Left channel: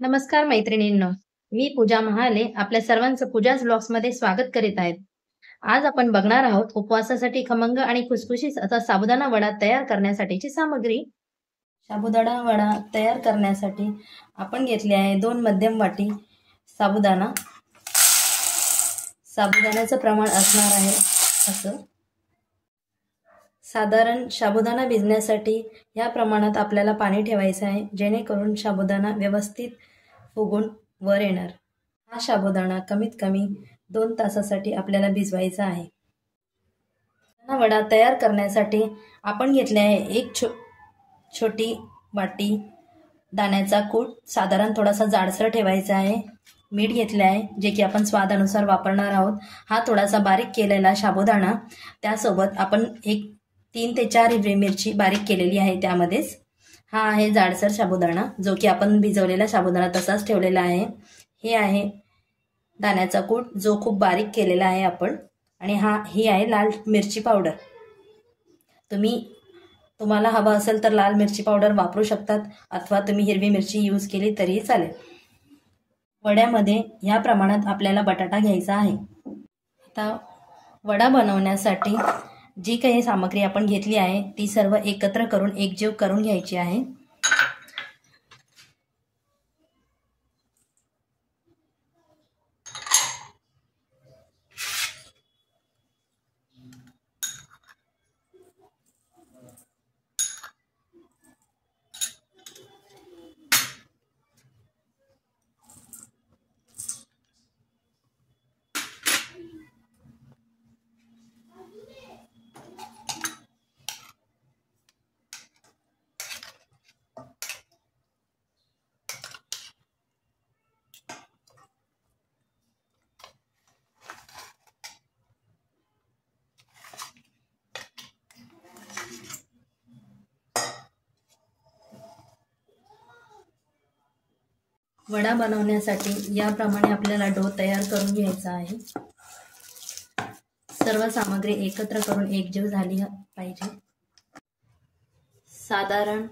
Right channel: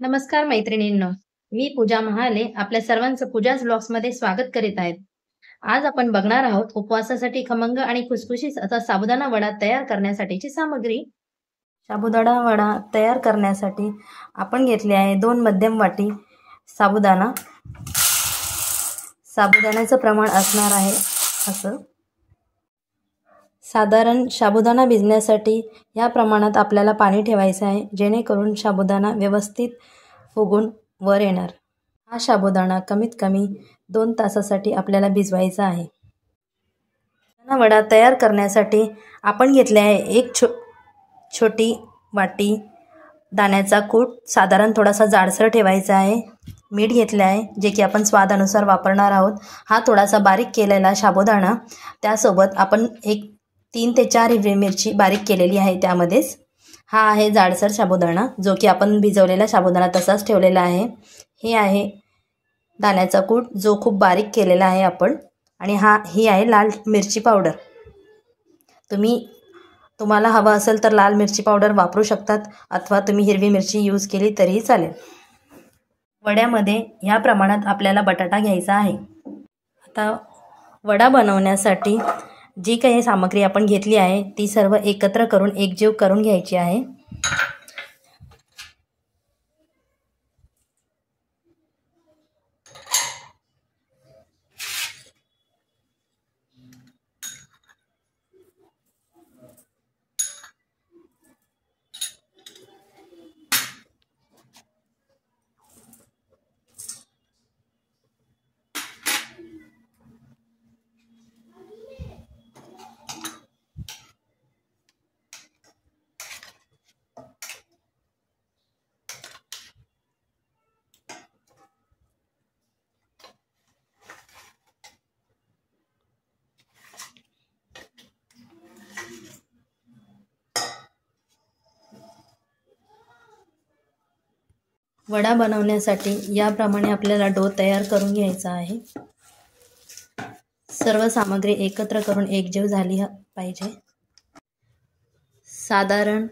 नमस्कार मैत्रिणींनो, मी पूजा महाले आपल्या सर्वांचं पूजाच ब्लॉग्समध्ये स्वागत करीत आहेत. आज आपण बघणार आहोत उपवासासाठी खमंग आणि खुसखुशीत असा साबुदाणा वडा तयार करण्यासाठीची सामग्री. साबुदाणा वडा तयार करण्यासाठी आपण घेतले आहे 2 मध्यम वाटी साबुदाणा. साबुदाण्याचं प्रमाण असणार आहे असं. साधारण साबुदाणा भिजण्यासाठी या प्रमाणात आपल्याला पाणी ठेवायचं आहे, जेणेकरून साबुदाणा व्यवस्थित फुगून वर येणार. हा साबुदाणा कमीत कमी 2 तासासाठी आपल्याला भिजवायचा आहे. साबुदाणा वडा तयार करण्यासाठी आपण घेतले आहे एक छोटी वाटी दाण्याचा कूट. साधारण थोडासा जाडसर ठेवायचा आहे. मीठ घेतले आहे, जे की आपण स्वादानुसार वापरणार आहोत. हा थोडासा बारीक केलेला साबुदाणा, त्यासोबत आपण एक 3 ते 4 हिरवी मिरची बारीक केलेली आहे त्यामध्येच. हा आहे जाडसर साबुदाणा, जो की आपण भिजवलेला साबुदाणा तसाच ठेवलेला आहे. हे आहे दाण्याचा कूट, जो खूप बारीक केलेला आहे आपण. आणि ही आहे लाल मिरची पावडर. तुम्हाला हवं असेल तर लाल मिरची पावडर वापरू शकतात, अथवा तुम्ही हिरवी मिरची यूज केली तरीही चालेल. वड्यामध्ये या प्रमाणात आपल्याला बटाटा घ्यायचा आहे. आता वडा बनवण्यासाठी जी काही सामग्री आपण घेतली आहे ती सर्व एकत्र करून एकजीव करून घ्यायची आहे. वडा बनवण्यासाठी याप्रमाणे आपल्याला डो तयार करून घ्यायचा आहे. सर्व सामग्री एकत्र करून एकजीव झाली पाहिजे. साधारण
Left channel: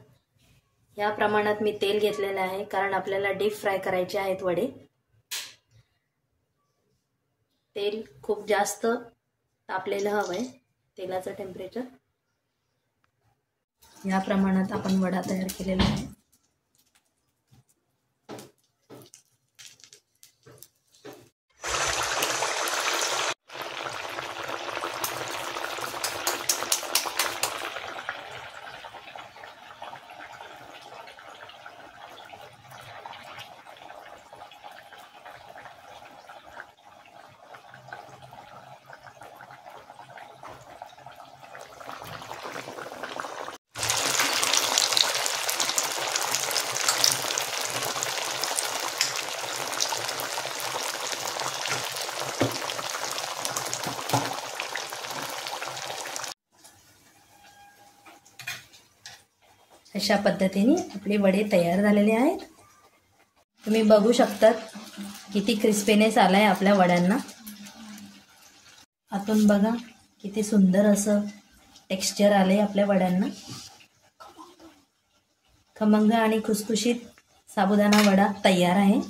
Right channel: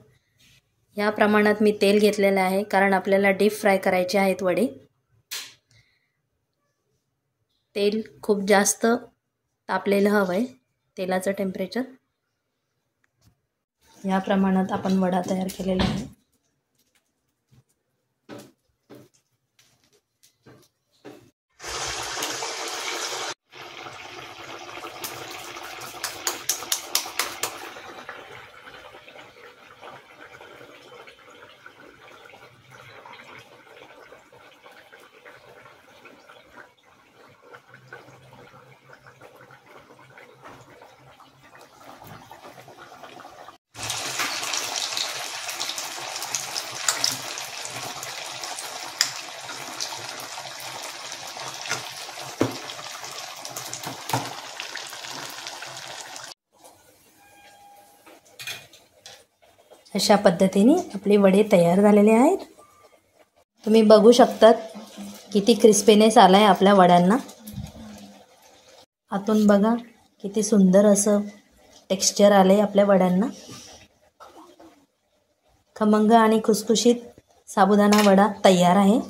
या प्रमाणात मी तेल घेतलेलं आहे, कारण आपल्याला डीप फ्राय करायचे आहेत वडे. तेल खूप जास्त तापलेलं हवं आहे, तेलाचं टेम्परेचर. या प्रमाणात आपण वडा तयार केलेला आहे. अशा पद्धतीने आपले वडे तयार झालेले आहेत. तुम्ही बघू शकतात किती क्रिस्पीनेस आला आहे आपल्या वड्यांना. आतून बघा किती सुंदर असं टेक्स्चर आलं आहे आपल्या वड्यांना. खमंग आणि खुसखुशीत साबुदाणा वडा तयार आहे.